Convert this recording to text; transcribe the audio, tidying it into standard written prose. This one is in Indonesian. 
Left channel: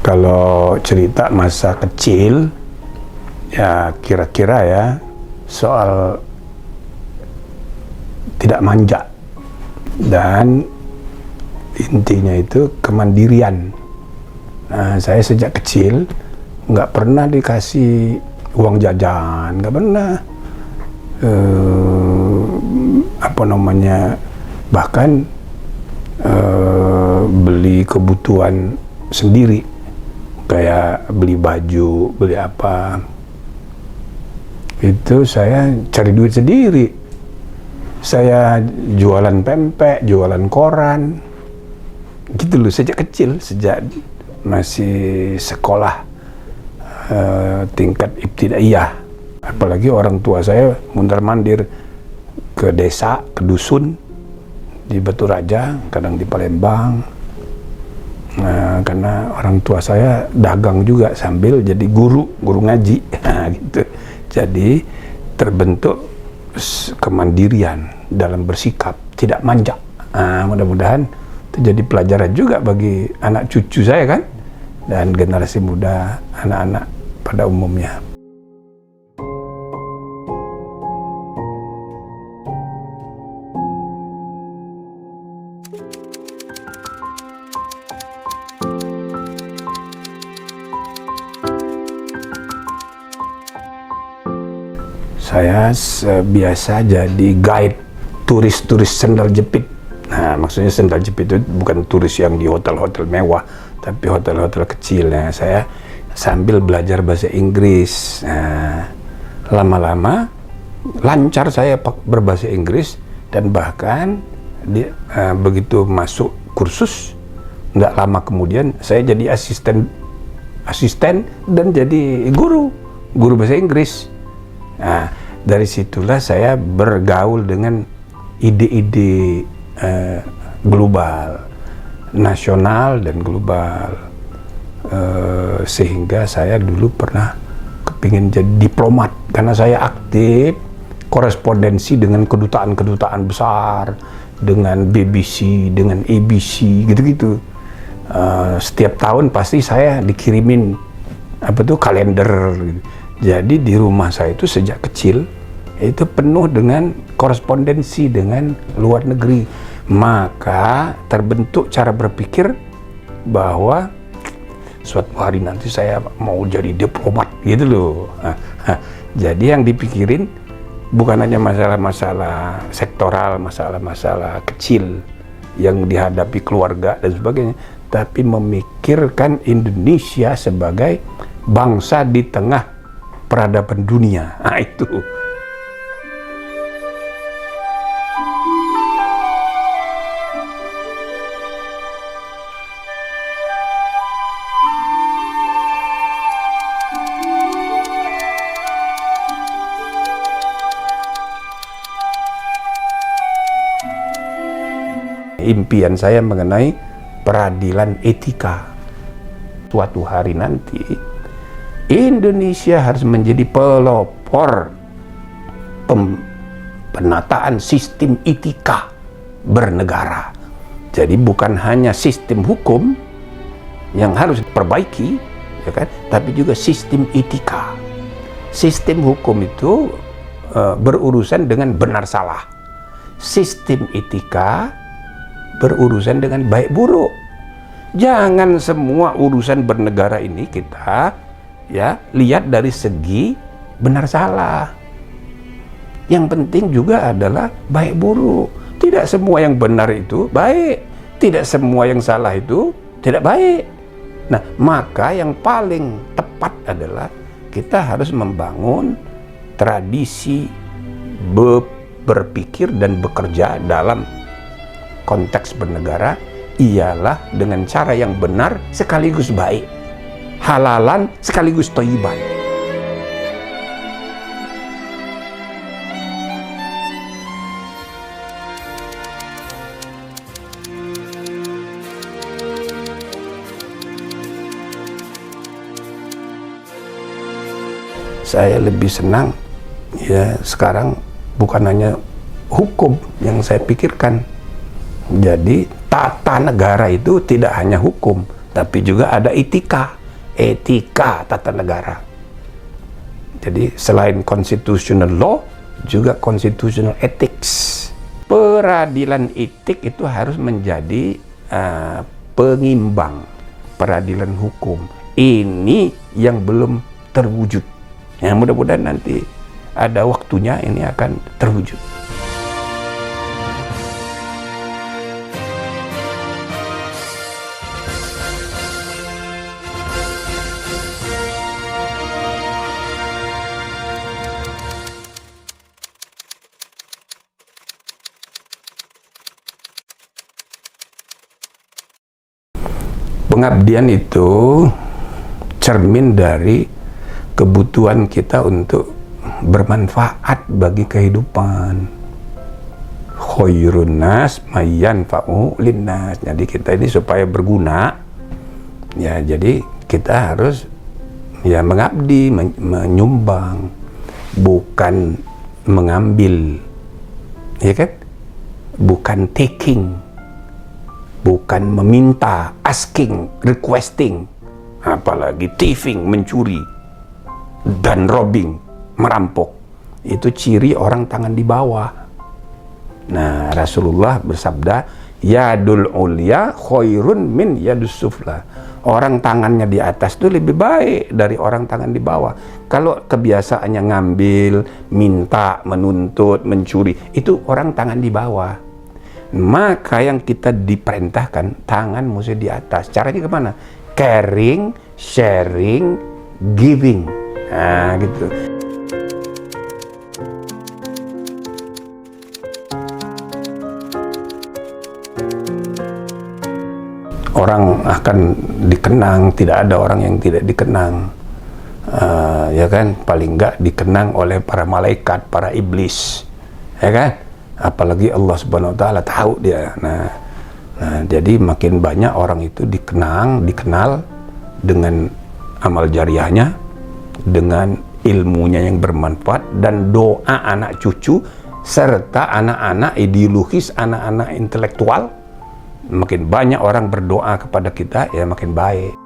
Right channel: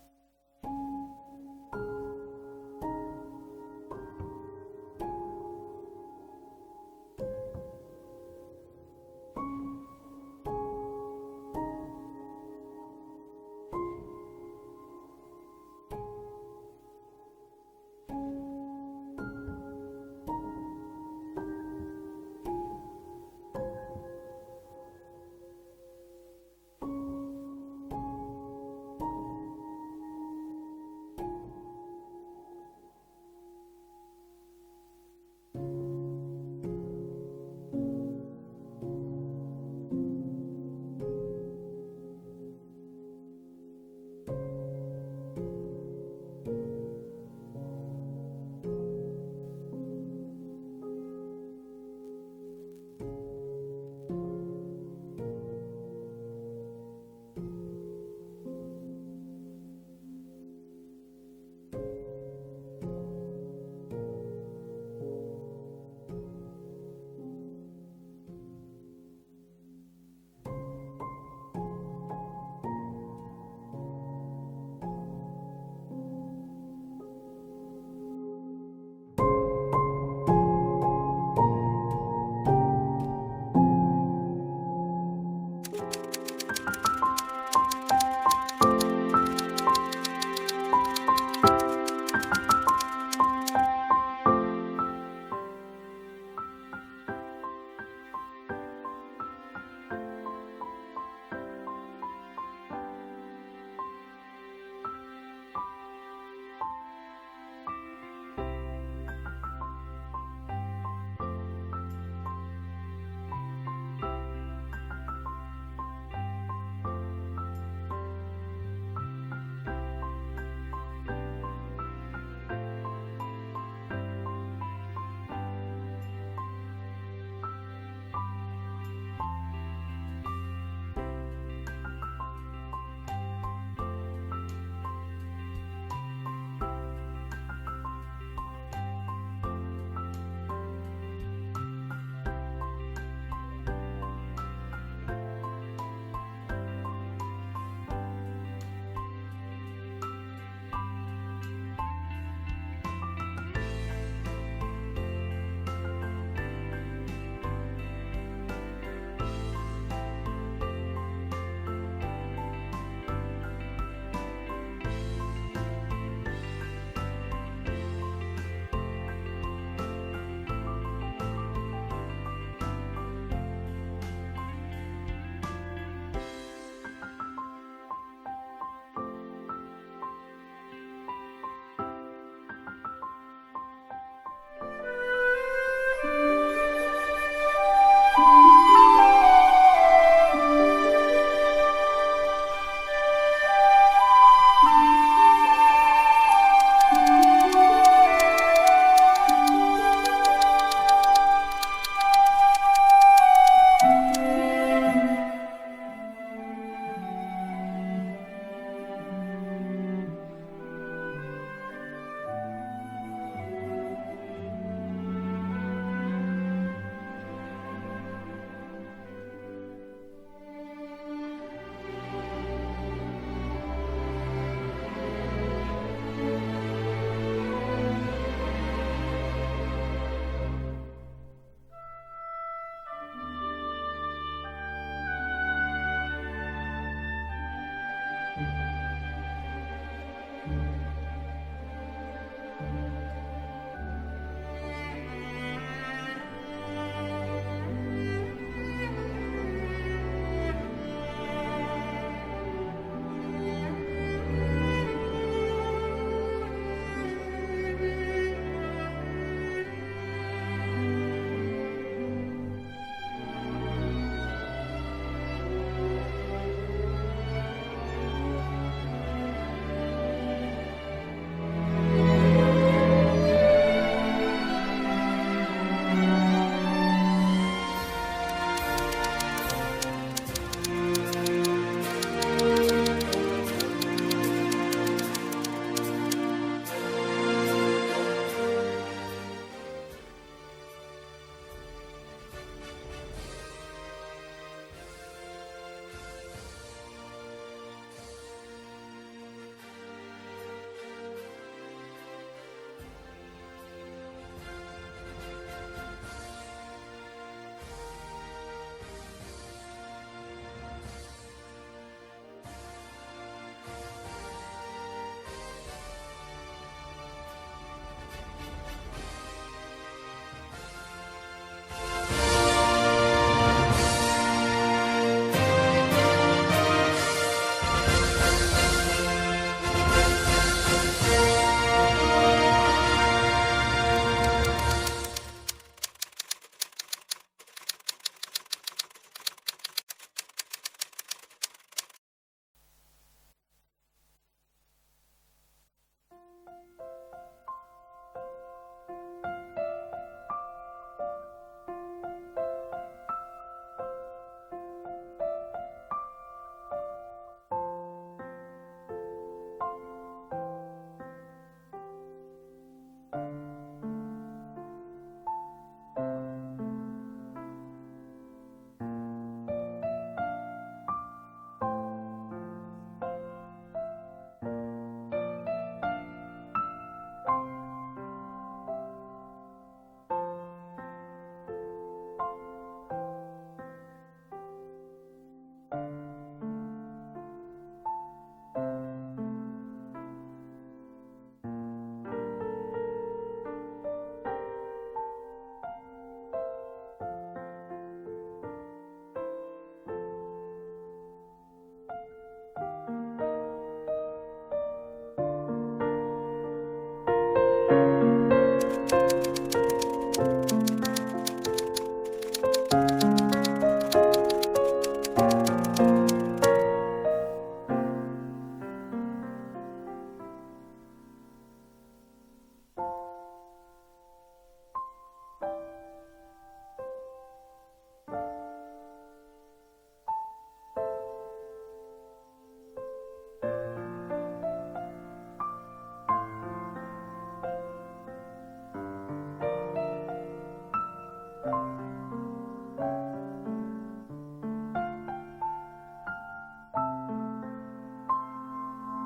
Kalau cerita masa kecil, ya kira-kira ya soal tidak manja dan intinya itu kemandirian. Nah, saya sejak kecil nggak pernah dikasih uang jajan, nggak pernah. Bahkan beli kebutuhan sendiri, kayak beli baju, beli apa, itu saya cari duit sendiri. Saya jualan pempek, jualan koran, gitu loh, sejak kecil, sejak masih sekolah tingkat ibtidaiyah. Apalagi orang tua saya mundar-mandir ke desa, ke dusun, di Batu Raja, kadang di Palembang. Nah, karena orang tua saya dagang juga sambil jadi guru ngaji, gitu. Jadi terbentuk kemandirian dalam bersikap, tidak manja. Mudah-mudahan itu jadi pelajaran juga bagi anak cucu saya kan, dan generasi muda, anak-anak pada umumnya. Saya biasa jadi guide turis-turis sendal jepit. Nah, maksudnya sendal jepit itu bukan turis yang di hotel-hotel mewah, tapi hotel-hotel kecil. Nah, saya sambil belajar bahasa Inggris. Nah, lama-lama lancar saya berbahasa Inggris, dan bahkan begitu masuk kursus, nggak lama kemudian saya jadi asisten dan jadi guru bahasa Inggris. Nah, dari situlah saya bergaul dengan ide-ide global, nasional dan global, sehingga saya dulu pernah kepingin jadi diplomat karena saya aktif korespondensi dengan kedutaan-kedutaan besar, dengan BBC, dengan ABC, gitu-gitu. Setiap tahun pasti saya dikirimin kalender. Jadi di rumah saya itu sejak kecil itu penuh dengan korespondensi dengan luar negeri. Maka terbentuk cara berpikir bahwa suatu hari nanti saya mau jadi diplomat, gitu loh. Jadi yang dipikirin bukan hanya masalah-masalah sektoral, masalah-masalah kecil yang dihadapi keluarga dan sebagainya, tapi memikirkan Indonesia sebagai bangsa di tengah peradaban dunia. Nah, itu. Impian saya mengenai peradilan etika. Suatu hari nanti Indonesia harus menjadi pelopor penataan sistem etika bernegara. Jadi bukan hanya sistem hukum yang harus diperbaiki, ya kan? Tapi juga sistem etika. Sistem hukum itu berurusan dengan benar salah. Sistem etika berurusan dengan baik buruk. Jangan semua urusan bernegara ini kita lihat dari segi benar salah. Yang penting juga adalah baik buruk. Tidak semua yang benar itu baik, tidak semua yang salah itu tidak baik. Nah, maka yang paling tepat adalah kita harus membangun tradisi berpikir dan bekerja dalam konteks bernegara ialah dengan cara yang benar sekaligus baik, halalan sekaligus thayyiban. Saya lebih senang sekarang bukan hanya hukum yang saya pikirkan. Jadi tata negara itu tidak hanya hukum, tapi juga ada etika tata negara. Jadi selain constitutional law, juga constitutional ethics. Peradilan etik itu harus menjadi pengimbang peradilan hukum. Ini yang belum terwujud. Ya, mudah-mudahan nanti ada waktunya ini akan terwujud. Pengabdian itu cermin dari kebutuhan kita untuk bermanfaat bagi kehidupan. Khairun nas mayanfa'u linnas. Jadi kita ini supaya berguna, ya jadi kita harus ya mengabdi, menyumbang, bukan mengambil, ya kan? Bukan taking, bukan meminta, asking, requesting, apalagi thieving, mencuri, dan robbing, merampok. Itu ciri orang tangan di bawah. Nah, Rasulullah bersabda, yadul ulya khairun min yadus sufla. Orang tangannya di atas itu lebih baik dari orang tangan di bawah. Kalau kebiasaannya ngambil, minta, menuntut, mencuri, itu orang tangan di bawah. Maka yang kita diperintahkan, tangan mesti di atas. Caranya kemana? Caring, sharing, giving. Nah, gitu. Orang akan dikenang, tidak ada orang yang tidak dikenang. Ya kan? Paling enggak dikenang oleh para malaikat, para iblis. Ya kan? Apalagi Allah Subhanahu wa taala tahu dia. Nah, jadi makin banyak orang itu dikenal dengan amal jariahnya, dengan ilmunya yang bermanfaat, dan doa anak cucu serta anak-anak ideologis, anak-anak intelektual. Makin banyak orang berdoa kepada kita, ya makin baik.